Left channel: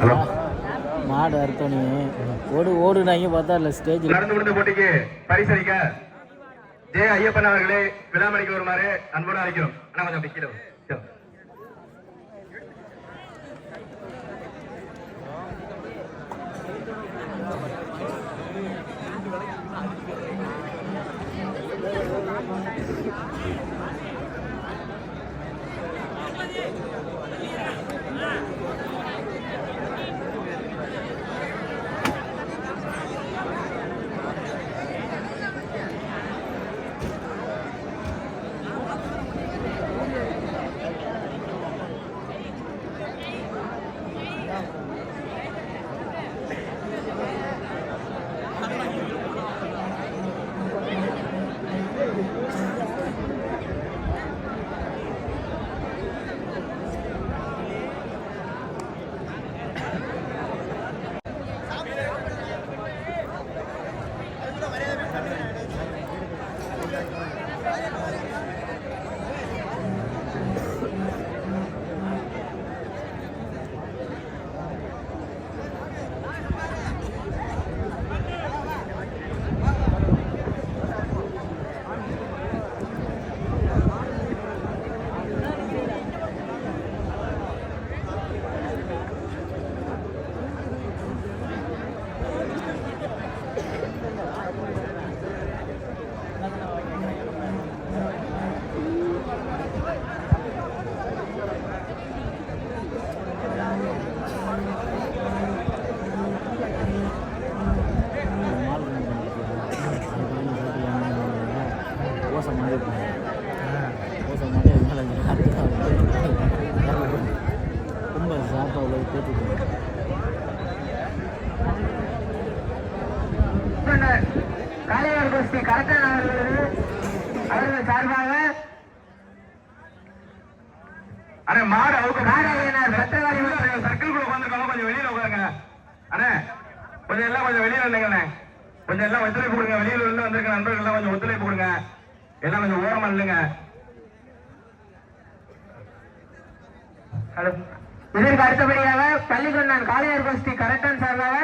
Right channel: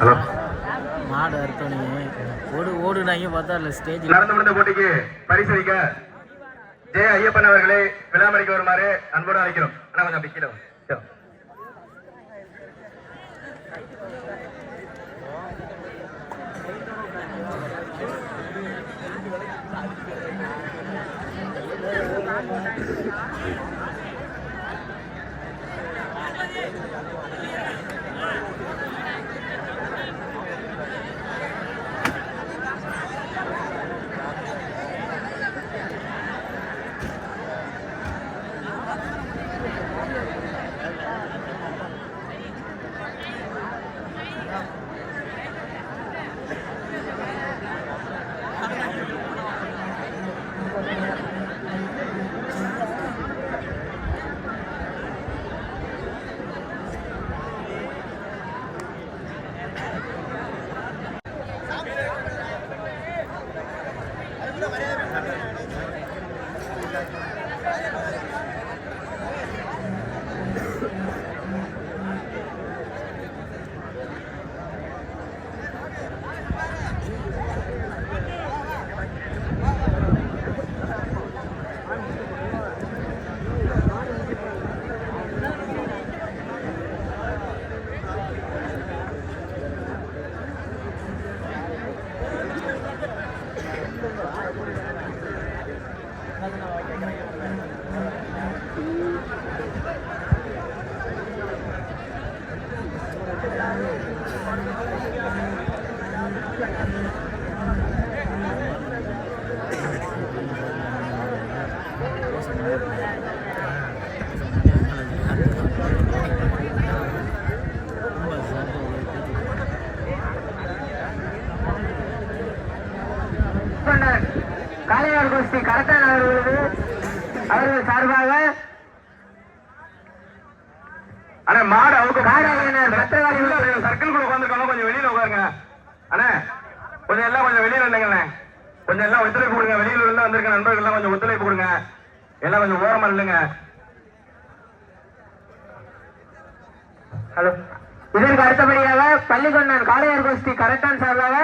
Hello மாடு அறுத்தோனே ஓடுனாங்க பார்த்தா இல்லை ஸ்டேஜ் நடந்து முடிந்த போட்டிக்கு பரிசளிக்க ஜெய ஐயப்பன் அவர்களை விழாமணிக்கு வருமாறு அன்போடு அழைக்கிறோம். ஆனால் கொஞ்சம் அப்படி கீழே காளையார் கோஷ்டி கரெக்டான அவர்கள் சார்பாக அண்ணா மாடு அவங்க சர்க்கிள்குள்ள உட்காந்துருக்காங்க. கொஞ்சம் வெளியில உட்காருங்க அண்ணா. கொஞ்சம் எல்லாம் கொஞ்சம் வெளியில இல்லைங்கண்ணே. கொஞ்சம் எல்லாம் ஒத்துழைப்பு கொடுங்க. வெளியில இருந்து வந்திருக்க நண்பர்கள் எல்லாம் கொஞ்சம் ஒத்துழைப்பு கொடுங்க. எல்லாம் கொஞ்சம் ஓரமா இல்லைங்க. ஹலோ. இதற்கு அடுத்தபடியாக பள்ளிக்கொண்டான் காளையார் கோஷ்டி கரெக்டான் சார்பாக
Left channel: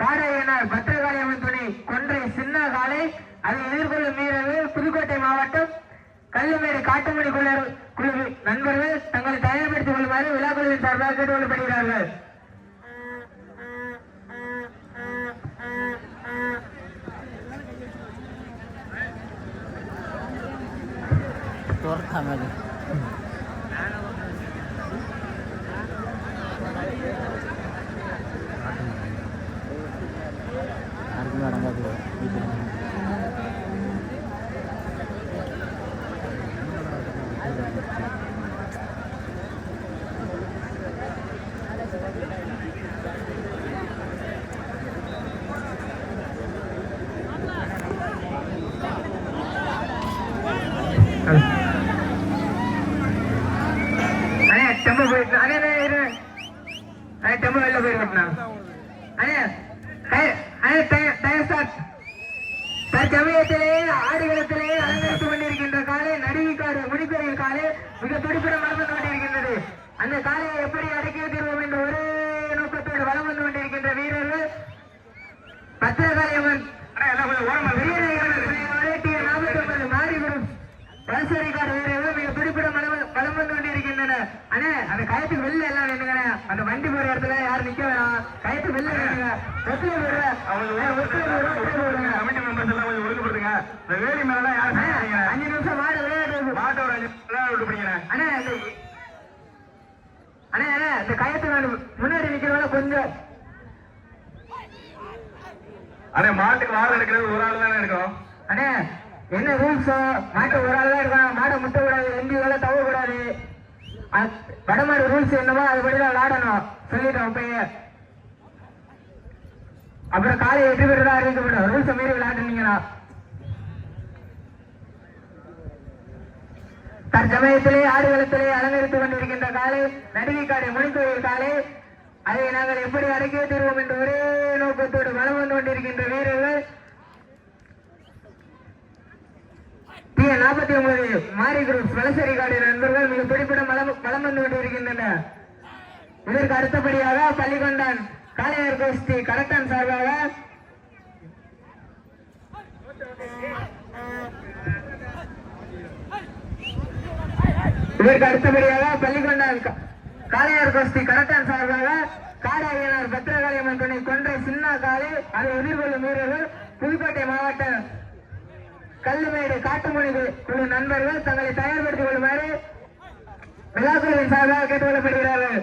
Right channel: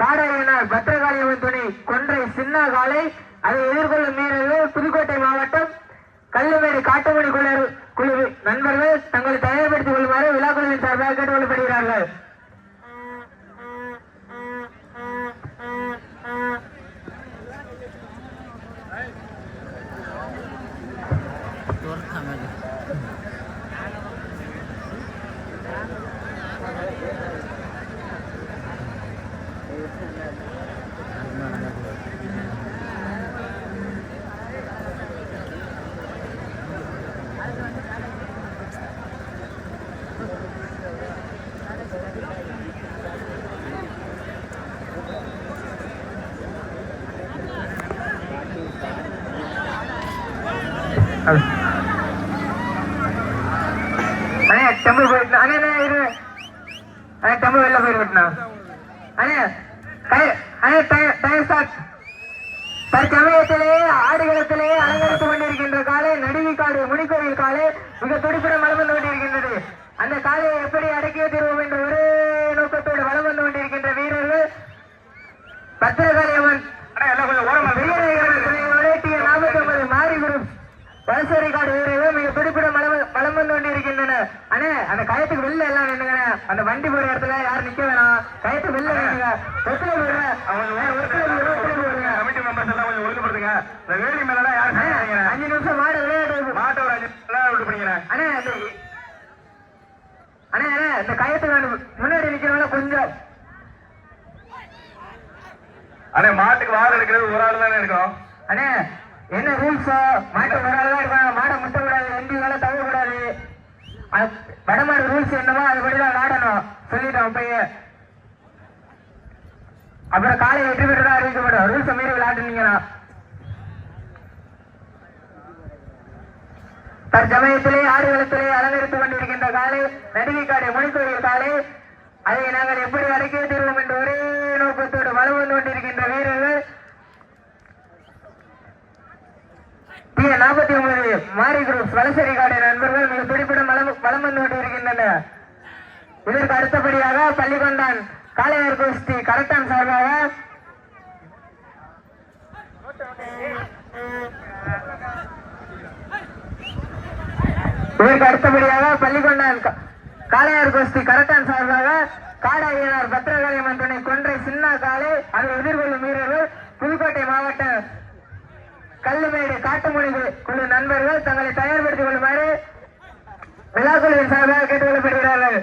காரையனார் பத்திரகாளியம்மன் துணை கொன்றை சின்ன காலை அதை எதிர்கொள்ளும் வீரர்கள் புதுக்கோட்டை மாவட்டம் கல்லுமேடு காட்டுமணி குழு நண்பர்கள் தங்களை தயார்படுத்திக் கொள்ளுமாறு விழாக்குழுவின் சார்பாக கேட்டுக்கொள்ளப்படுகிறார்கள். தம்பு வெளில போயிருக்கா தற்சமயத்திலே ஆடுகளத்திலே அலங்கரித்துக் கொண்டிருக்கின்ற காலை நடுவிக்காடு முனிக்கோயில் காலை மிக துடிப்புடன் வலம் வந்து கொண்டிருக்கின்றது. அந்த காலையை எப்படி அடக்கிய தீர்வோம் என்ற ஒரே நோக்கத்தோடு வலம் வந்து கொண்டிருக்கின்ற வீரர்கள் பத்திரகாளியம்மன் மாறிவிடும் வலசரிக்காடு வீரர்கள் மிக துடிப்புடன் வலம் வந்து கொண்டிருக்கின்றன. அண்ணே அந்த கயத்துக்கு வெளில எல்லாம் நின்னுங்க. அந்த வண்டி போற இடத்துல யாரும் நிக்க வேணாம். கயத்துக்கு வெளில நின்னுங்க. வேலி மேல 5 நிமிஷம் மாடு விளையாட்டு மாட்டை ஒரு 5 நிமிஷம் விட்டு போனீங்க. அண்ணே இந்த கயத்துக்கு முன்னாடி நிக்கிறவங்க கொஞ்சம் அண்ணே மாட்டுக்கு வாழ எடுக்கிறது ஒரு ஆள் தானே இருக்கும். அண்ணே என்ன ரூல்ஸ்? மாட்டு ஒரு ஆள் தான் இருக்கும். மாடை முட்ட கூடாது, 2 வேலை தவ கூடாது. வடமாடு ரூல்ஸ் என்னவோ அதுபடிதான் விளையாடணும் சொல்லிட்டோம். அப்பயே அப்புறம் காலை 8 பேர் தான் அறிவிக்க மாட்டோம். ரூல்ஸ் மீறி விளையாடுனீங்கன்னா தற்சமயத்திலே ஆடுகளத்திலே அலங்கரித்துக் கொண்டிருக்கின்ற காலை நடுவிக்காடு முனிக்கோயில் காலை அதை நாங்கள் எப்படி அடக்கிய தீர்வோம் என்ற ஒரே நோக்கத்தோடு வலம் வந்து கொண்டிருக்கின்ற வீரர்கள் 49 மாரி குரூப் வலசரி காடு நண்பர்கள் மிக பிடிப்பிடம் வலம் வந்து கொண்டிருக்கின்றன. இதற்கு அடுத்தபடியாக பள்ளிகொண்டான் காளையார் கோஷ்டி கரெக்டான் சார்பாக இதற்கு அடுத்தபடியாக பள்ளிகொண்டான் காளையார் கோஷ்டி கரெக்டான் சார்பாக காடாயினார் பத்திரகாளியம்மன் துணை கொன்றை சின்ன காலை அதை எதிர்கொள்ளும் வீரர்கள் புதுக்கோட்டை மாவட்ட கல்லுமேடு காட்டுமொழி குழு நண்பர்கள் தங்களை தயார்படுத்திக் கொள்ளுமாறு விழாக்குழுவின் சார்பாக கேட்டுக் கொள்ளப்படுகிறார்கள்.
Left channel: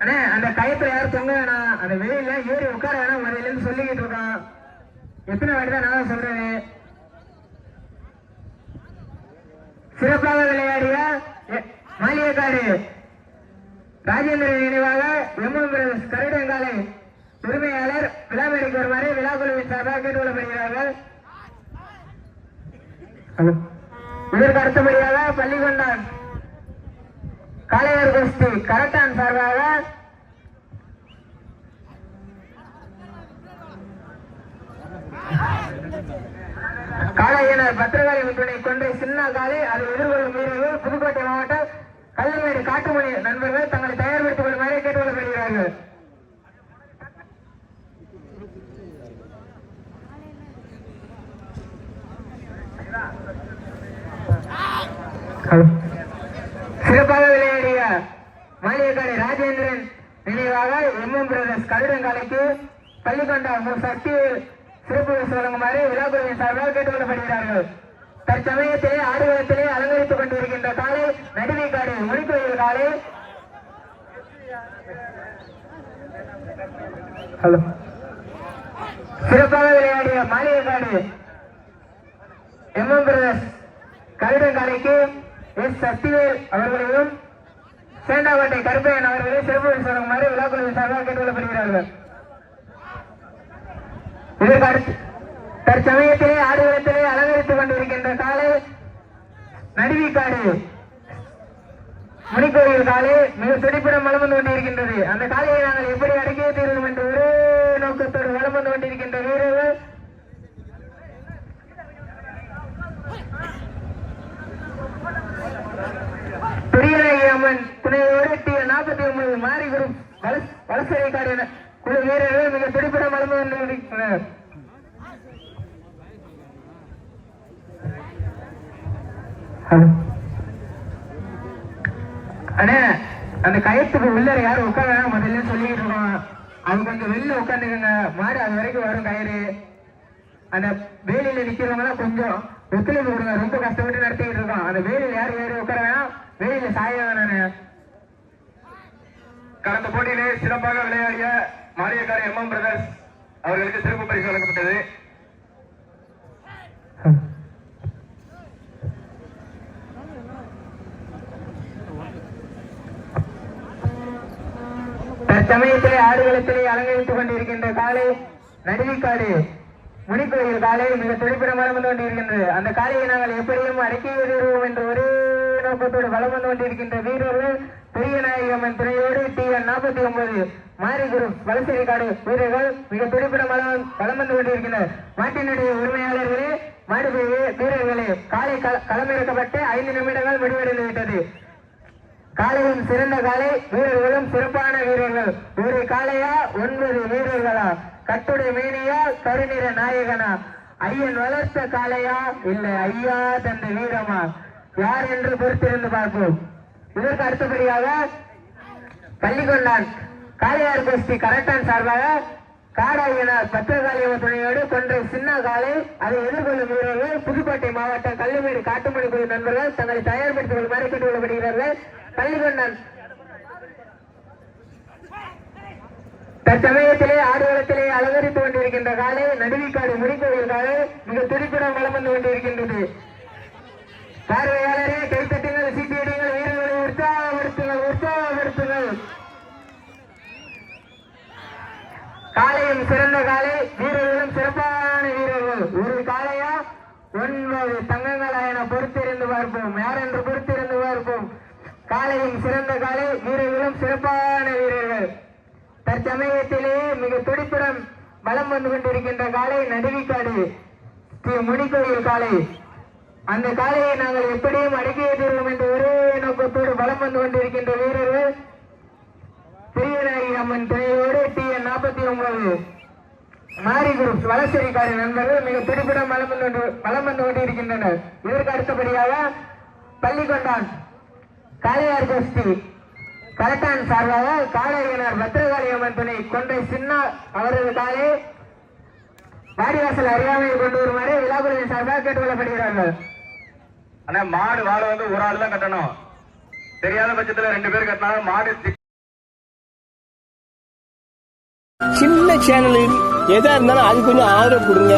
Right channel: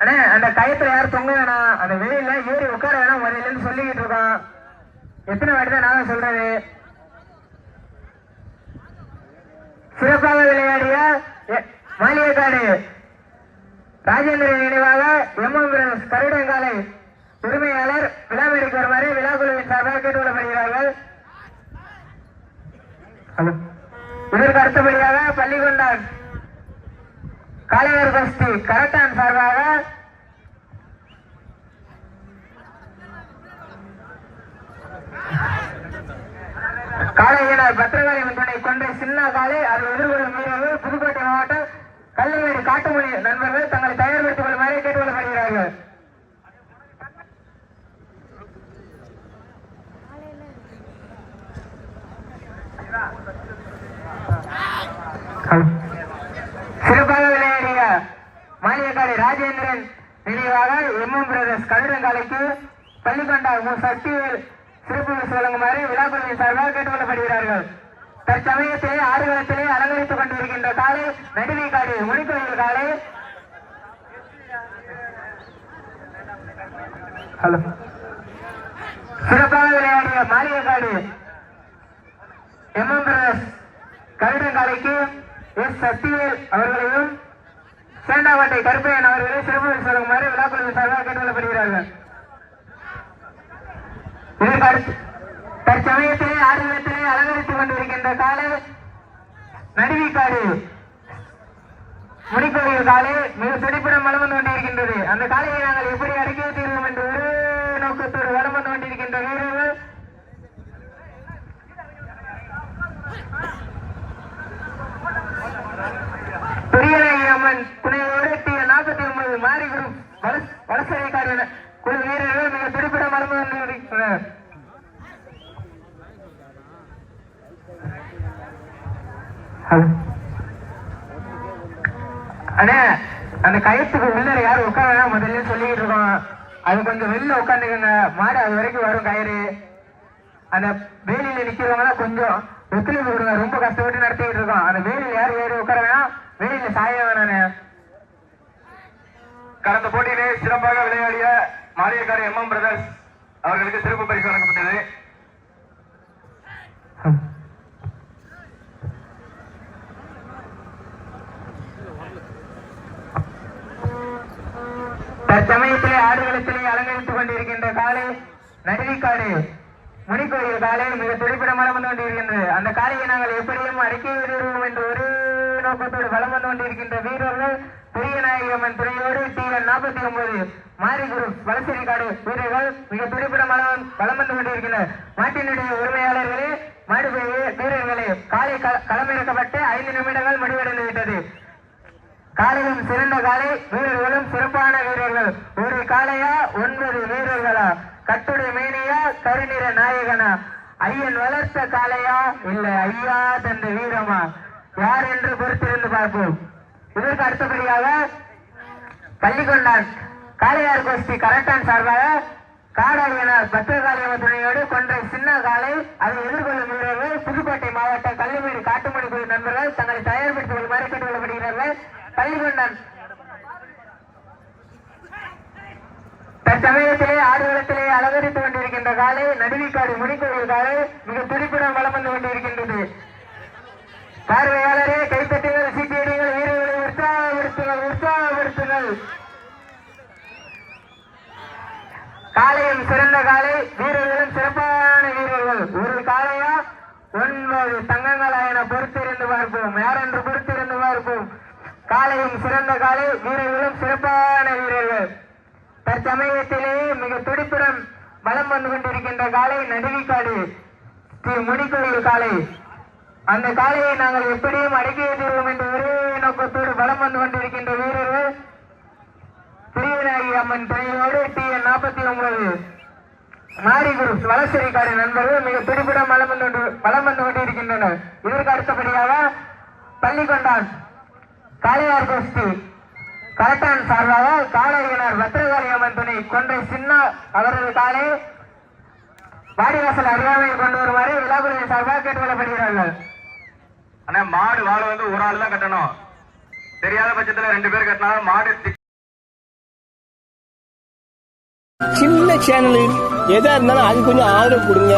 அண்ணே அந்த கயத்துல யாரும் தொங்க வேணாம், அந்த வெளியில ஏறி உட்கார வேணாம், முதல்ல இருந்து சொல்லிக்கிட்டு இருக்கோம். எத்தனை வாட்டி தான் நான் சொல்றது. சிறப்பாக விளையாடிய மாளிகைக்காடு ராஜேந்திரன் நினைவாக எம்எம் கருடங்காலை உரிமையாளர் விழாமேடைக்கு வருமாறு விழாக்குழுவின் சார்பாக கேட்டுக்கொள்ளப்படுகிறார்கள். இதற்கு அடுத்தபடியாக பள்ளிகொண்டான் காளையார் கோஷ்டி கரெக்டான் சார்பாக காளையினர் பத்திரகாளியம்மன் துணை கொன்றை சின்ன காலை அதை எதிர்கொள்ளும் வீரர்கள் புதுக்கோட்டை மாவட்டம் கல்லுமேடு காட்டுமொழி நண்பர்கள் தங்களை தயார்படுத்திக் கொள்ளுமாறு கேட்டுக்கொள்ளப்படுகிறார்கள். சிறப்பாக விளையாடிய மாளிகைக்காடு ராஜேந்திரன் நினைவாக எம்எம் பிரதர்ஸ் கருடங்காலைக்கு பள்ளிகொண்டான் சக்திவேல் சிறப்பு பரிசு வழங்குமாறு விழாக்குழுவின் சார்பாக கேட்டுக்கொள்ளப்படுகிறார்கள். தற்சமயத்திலே ஆடுகளத்திலே அலங்கரித்துக் கொண்டிருக்கின்ற காலை நடுவிக்காடு முனிக்கோயில் காலை சிறப்பாக விளையாடிய மாளிகைக்காடு எம்எம் பிரதர்ஸ் கருடங்காலைக்கு எஸ் சக்திவேல் அவர்களையும் சேண்டாவட்டை கருப்பையன் அவர்களையும் சிறப்பு பரிசு வழங்குமாறு விழாக்குழுவின் சார்பாக கேட்டுக்கொள்ளப்படுகிறார்கள். தற்சமயத்திலே ஆடுகளத்திலே அலங்கரித்துக் கொண்டிருக்கின்ற காலை நடுவிக்காடு முனிக்கோயில் காலை மிக துடிப்புடன் வலம் வந்து கொண்டிருக்கின்றது. அந்த காலையை நாங்கள் எப்படி அடக்கிய தீர்வோம் என்ற ஒரே நோக்கத்தோடு வலம் வந்து கொண்டிருக்கின்ற வீரர்கள் பெரியநாயகம்மன் துணையோடு T49 மாறி குரூப் வலசரைக்காடு குழு வீரர்கள் மிக துடிப்புடன் வலம் வந்து கொண்டிருக்கின்றனர். அண்ணே அந்த கயத்துக்கு உள்ள யாரும் உட்கார முதல்ல சொல்லிக்கிட்டு இருக்கோம். அது கொஞ்சம் வெளில உட்காந்துக்கோங்க, மாடு அது வரைக்கும் வரும் கயிறு. அந்த வேலியில நிக்கிறவங்க கொஞ்சம் ஒத்துழைப்பு கொடுங்க, ரொம்ப கஷ்டப்பட்டு நடத்திக்கிட்டு இருக்கோம். அந்த வேலியில யாரும் ஏறி உட்கார வேணாம், வேலியில சாய வேணானே. கடந்த போட்டியிலே சிறப்பாக விளையாடிய மாளிகைக்காடு எம்எம் பிரதர்ஸ் அவர்களுக்கு சிறப்பு பரிசு வழங்கப்பட்டது. தற்சமயத்திலே ஆடுகளத்திலே அலங்கரித்துக் கொண்டிருக்கின்ற காலை நடுவிக்காடு முனிக்கோயில் காலை மிக துடிப்புடன் வலம் வந்து கொண்டிருக்கின்றது. அந்த காலையை நாங்கள் எப்படியும் அடக்கி விடுவோம் என்ற ஒரே நோக்கத்தோடு வலம் வந்து கொண்டிருக்கின்ற வீரர்கள் பெரியநாயகம்மன் துணையோடு T49 மாரி குரூப் வலசரிக்காடு வீரர்கள் மிக துடிப்புடன் வலம் வந்து கொண்டிருக்கின்றனர். மாட்டினுடைய உரிமையாளர்களே மாடு வீரர்களே காலை களமிறக்கப்பட்டு 5 நிமிடங்கள் முடிவடைந்து விட்டது. காலையும் சிறந்த காலை, வீரர்களும் சிறப்பான வீரர்கள். ஒரு காலையா 9 வீரர்களா, கட்டுடை மேனியா கருநிற நாயகனா, ஐயன் வளர்த்த காலையா இல்லை ஐயா தந்த வீரமா, யார் என்று பொறுத்திருந்து பார்ப்போம். இதற்கு அடுத்தபடியாக பள்ளிகொண்டான் காளையார் கோஷ்டி கரெக்டான் சார்பாக காடாயினார் பத்திரகாளியம்மன் துணையோடு கொன்றை சின்ன காலை அதை எதிர்கொள்ளும் வீரர்கள் புதுக்கோட்டை மாவட்ட கல்லுமேடு காட்டுமொழி குழு நண்பர்கள் தங்களை தயார்படுத்திக் கொள்ளுமாறு கேட்டுக்கொள்ளப்படுகிறார்கள். பள்ளிகொண்டான் தற்சமயத்திலே ஆடுகளத்திலே அலங்கரித்துக் கொண்டிருக்கின்ற காலை நடுவிக்காடு முனிக்கோயில் காலை மிக துடிப்புடன் வலம் வந்து கொண்டிருக்கின்றது. பார்வையாளரே கைத்தட்டுங்கள், சீட்டியடிகள், வீரர்களை உற்சாகப்படுத்துங்கள், உற்சாகப்படுத்துங்கள். காலையும் சிறந்த காலை, வீரர்களும் சிறப்பான வீரர்கள். ஒரு காலையா 9 தங்கங்களா என பொறுத்திருந்து பார்ப்போம், யார் என்று பொறுத்திருந்து பார்ப்போம். காலையும் சிறந்த காலை, வீரர்களும் சிறப்பான வீரர்கள். தற்சமயத்திலே மிக துடிப்புடன் வலம் வந்து கொண்டிருக்கின்ற காலை நடுவிக்காடு முனிக்கோயில் காலை அந்த காளையை நாங்கள் எப்படியும் அடக்கியே தீர்வோம் என்ற ஒரே நோக்கத்தோடு பலம் வந்து கொண்டிருக்கின்ற வீரர்கள் பிரியநாயகி அம்மன் துணையோடு TN 49 மாரி குரூப் வலசரிக்காரி நண்பர்கள் மிக பிடிப்புடன் பலம் வந்து கொண்டிருக்கின்றனர். இதற்கு அடுத்தபடியாக பள்ளிக்கொண்டான் காளையார் கோஷ்டி கரட்டான் சார்பாக காளையர் பத்திரகாளி அம்மன் துணை கொன்றை சின்னா அவரது காலை வாடிவாசல் அருகாமையில் கொண்டு வருமாறு விழாக்குழுவின் சார்பாக கேட்டுக்கொள்ளப்படுகிறார்கள். ஆனா மாடு வாழை வந்து ஒரு ஆள் தான் கட்டணும். தெரியாத பட்சத்துல 2 பேர் கட்டினாலும் மாடு சின்ன சேனல் எதா இருந்தாலும் அது கொஞ்சம் ஆதரவு கொடுங்க.